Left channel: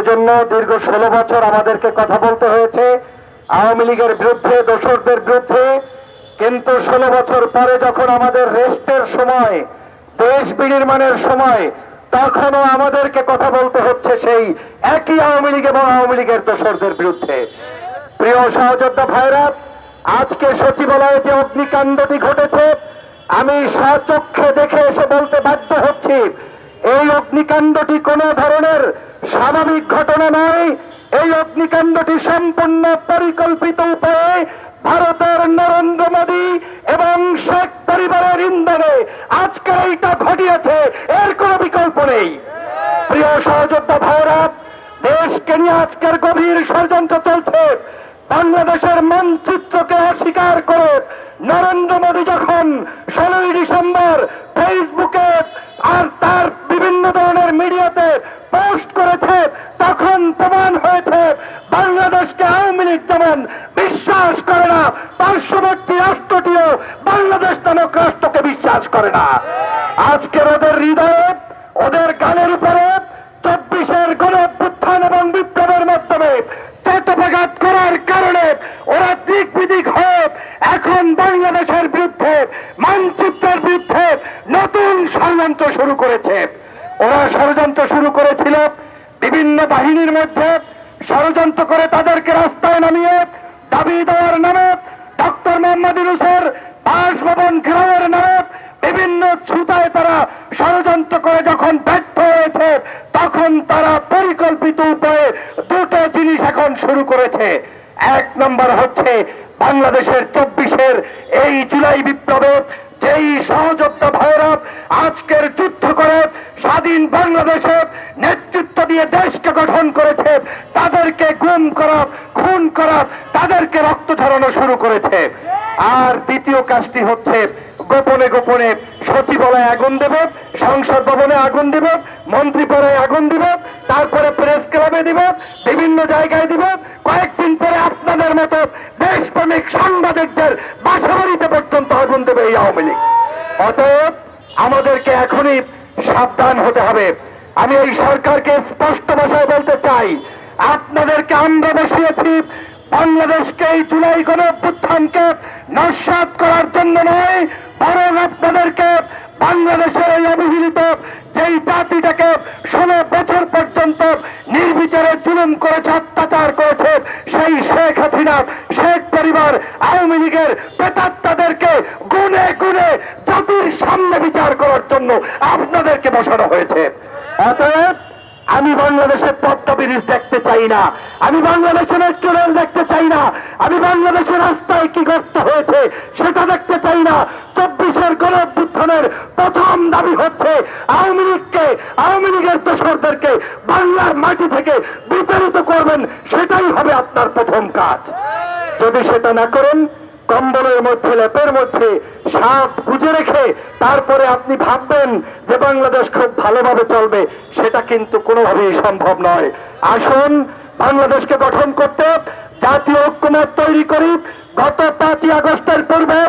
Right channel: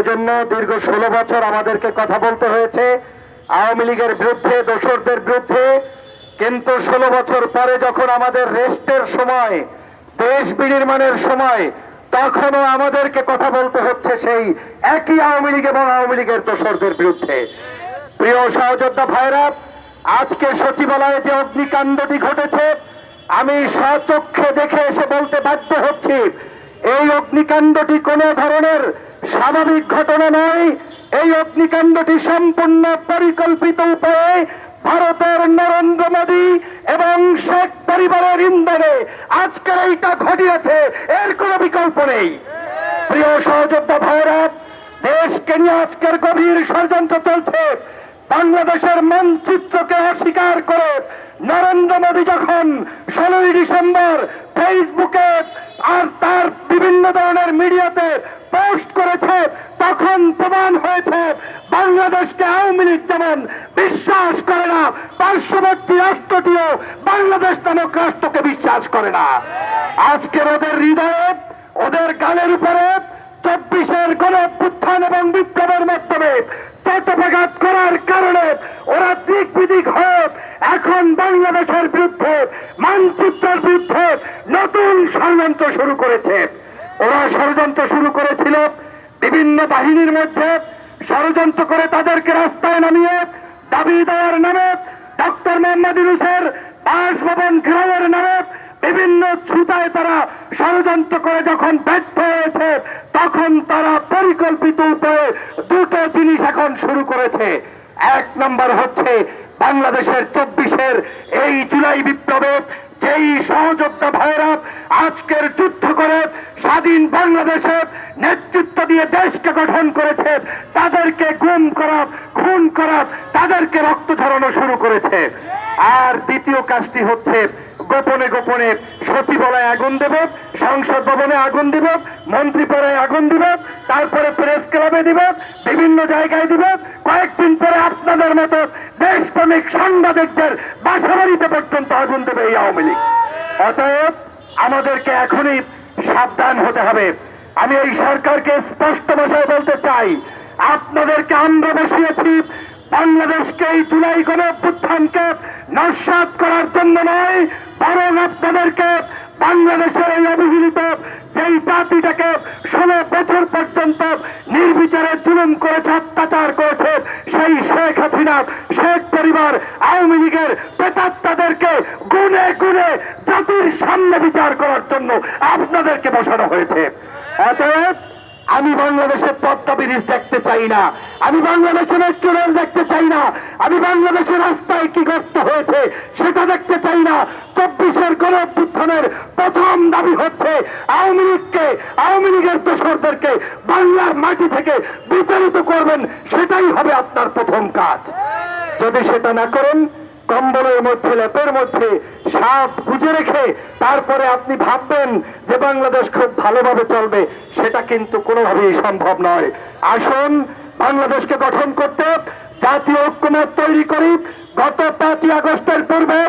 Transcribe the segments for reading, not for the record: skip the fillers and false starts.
এজন্য দীর্ঘ 16 বছর আমাদেরকে কথা বলতে হয়েছে আওয়ামী লীগের বিরুদ্ধে, দোসরদের বিরুদ্ধে। কিন্তু 16 বছর পরে যখন আমাদের রেস্টের সময়, দেশ বিনির্মাণের সময়, তখনও আমাদেরকে কথা বলতে হচ্ছে সেই একই আওয়ামী লীগ এবং আওয়ামী লীগের দোসরদের বিরুদ্ধে। প্রিয় সহযোদ্ধা ভাইরা, আজকে সচিবালয়ে যে অগ্নিকাণ্ডটি ঘটেছে, আমি স্বচক্ষে দেখে এসে বলতে বাধ্য হচ্ছি, এই অগ্নিকাণ্ডটি কোনো ধরনের স্বাভাবিক ঘটনা নয়। এই অগ্নিকাণ্ডটি সম্পূর্ণ পরিকল্পিত উপায়ে ভারতের নরেন্দ্র মোদী এবং শেখ পরিবারের ইন্ধনে আজকে এইটা ঘটিয়েছে, এর কোনো বিকল্প নেই। প্রিয় সহযোদ্ধা ভাইরা, দেশকে নিয়ে আজকের গভীর ষড়যন্ত্র চলছে। বাংলাদেশের মানচিত্রকে অস্বীকার করে নরেন্দ্র মোদী যখন 16 ডিসেম্বর ফেসবুকে আর তার বিভিন্ন ধরনের মিডিয়াতে পোস্ট করেছে, তখন প্রমাণ হয়েছে বাংলাদেশকে আওয়ামী লীগ যেমন বিশ্বাস করে না, পার্শ্ববর্তী রাষ্ট্রটিও বাংলাদেশ নামক রাষ্ট্রকে বিশ্বাস করে না। আজকের ওদের হৃদয়ে, ওদের গালের উপরে 24-এর গণঅভ্যুত্থান এবং বিপ্লবের মাধ্যমে তৎপঘাত করার কারণে ওরা দিক বিদিক হয়ে এখন বাংলাদেশের বিরুদ্ধে, মানচিত্রের বিরুদ্ধে নতুন ষড়যন্ত্র শুরু করেছে। ওরা ষড়যন্ত্র শুরু করেছিল বিভিন্ন বাহিনীর মধ্যে, ষড়যন্ত্র করে তাদেরকে রাস্তায় নামিয়ে দাবি দেওয়ার নামে, ডক্টর মোহাম্মদ ইউনূসের বাসভবন ঘেরাওয়ের নামে বিভিন্ন ছুতায় তারা ষড়যন্ত্র করে যখন ব্যর্থ হয়েছে, তখন তারা পরিকল্পিত উপায়ে দুটো জিনিস এখন শুরু করেছে। এক নম্বর হচ্ছে বাংলাদেশের 24-এর এই জুলাই বিপ্লবে যেই সহযোদ্ধা ভাইরা আজকের যুদ্ধ করে স্বাধীন বাংলাদেশে নেতৃত্ব দিয়ে দেশকে গঠন করেছে, তাদেরকে গুম করা, খুন করা, তাদেরকে রক্ত ঝরানো শুরু করেছে। আর দ্বিতীয় কাজটি হচ্ছে গোপনে গোপনে সচিবালয়ে আগুন দেব, সংসদ ভবনে আগুন দিব, মন্ত্রী পরে আগুন দিব, তারপরে প্রেস ক্লাবে দিব, বিভিন্ন জায়গায় দিব, কয়েকদিন পরে আপনাদের মতো দেশপ্রেমিক সাংবাদিকদের বাসাবাড়িতে পর্যন্ত আগুন দেবে এই আওয়ামী লীগ। অতএব আমাদেরকে এখনই সাবধান হতে হবে। আমি এই সরকারকে স্পষ্ট ভাষায় বলতে চাই, আপনাদেরকে আমরা বসিয়েছি বাংলাদেশকে এই জুলাই গণঅভ্যুত্থানকে নস্যাৎ করার জন্য নয়, বরং আপনাদেরকে বাংলাদেশের এই অবহেলিত যেই জাতিটাকে 16 বছর পর্যন্ত নির্বিচারে জুলুম করেছে, অত্যাচার করেছে, সেই শেখ হাসিনা, শেখ পরিবার, আওয়ামী লীগের প্রেতাত্মাদেরকে গুনে গুনে জাতির সামনে বিচার করার জন্য আপনাদেরকে বসানো হয়েছে। অতএব আমি বাংলাদেশের পদ্মা ব্রিজ দেখতে চাই না, আমি বাংলাদেশের ট্রেন দেখতে চাই না, আমি বাংলাদেশের রাস্তায় কি গর্ত হয়েছে সেটা দেখতে চাই না। 24-এর গণঅভ্যুত্থানের প্রথম দাবি হচ্ছে আওয়ামী লীগকে, আওয়ামী লীগের দোসরদেরকে বাংলার মাটি থেকে বিতাড়িত করবেন, সেটাই হবে আপনার প্রথম কাজ। যদি সেটা না করেন, কম্বলের মধ্যে, লেপের মধ্যে সাপ গুজে রেখে তারপরে আপনি ভাববেন যে বাংলাদেশ খুব ভালোভাবে চলবে, সেটা কিন্তু কোনোভাবেই সম্ভব নয়। আসুন বাংলাদেশকে গঠন করতে জাতীয় ঐক্যমত তৈরি করি। গত 5ই আগস্টের পূর্বে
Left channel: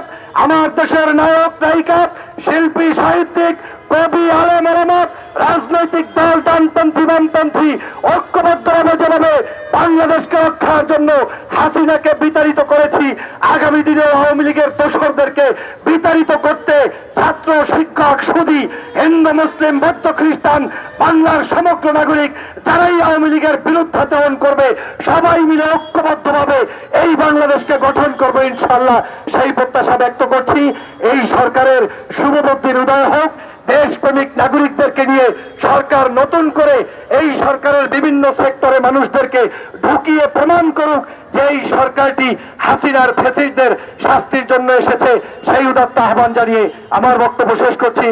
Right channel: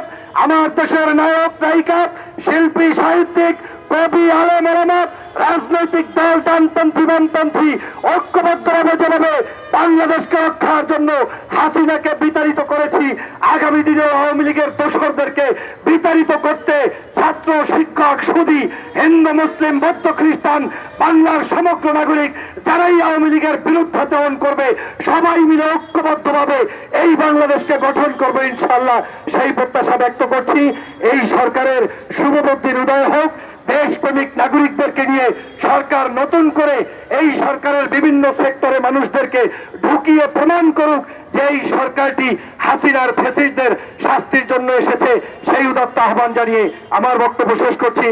আমার দেশের নায়ক, নায়িকা, শিল্পী, সাহিত্যিক, কবি, আলেম, ওলামা, রাজনৈতিক দল, ডানপন্থী, বামপন্থী ঐক্যবদ্ধভাবে যেভাবে বাংলাদেশকে রক্ষার জন্য হাসিনাকে বিতাড়িত করেছি, আগামী দিনে আওয়ামী লীগের দোসরদেরকে বিতাড়িত করতে ছাত্র, শিক্ষক, সুধী, হিন্দু, মুসলিম, বৌদ্ধ, খ্রিস্টান, বাংলার সমগ্র নাগরিক যারাই আওয়ামী লীগের বিরুদ্ধাচরণ করবে, সবাই মিলে ঐক্যবদ্ধভাবে এই বাংলাদেশকে গঠন করবে ইনশাআল্লাহ, সেই প্রত্যাশা ব্যক্ত করছি। এই সরকারের শুভবুদ্ধির উদয় হোক। দেশপ্রেমিক নাগরিকদেরকে নিয়ে সরকার নতুন করে এই সরকারের বিভিন্ন সেক্টরে মানুষদেরকে ঢুকিয়ে প্রমাণ করুক যে এই সরকারটি হাসিনার ফ্যাসিস্টদের শাস্তির জন্য এসেছে। সেই উদাত্ত আহ্বান জানিয়ে আমার বক্তব্য শেষ করছি।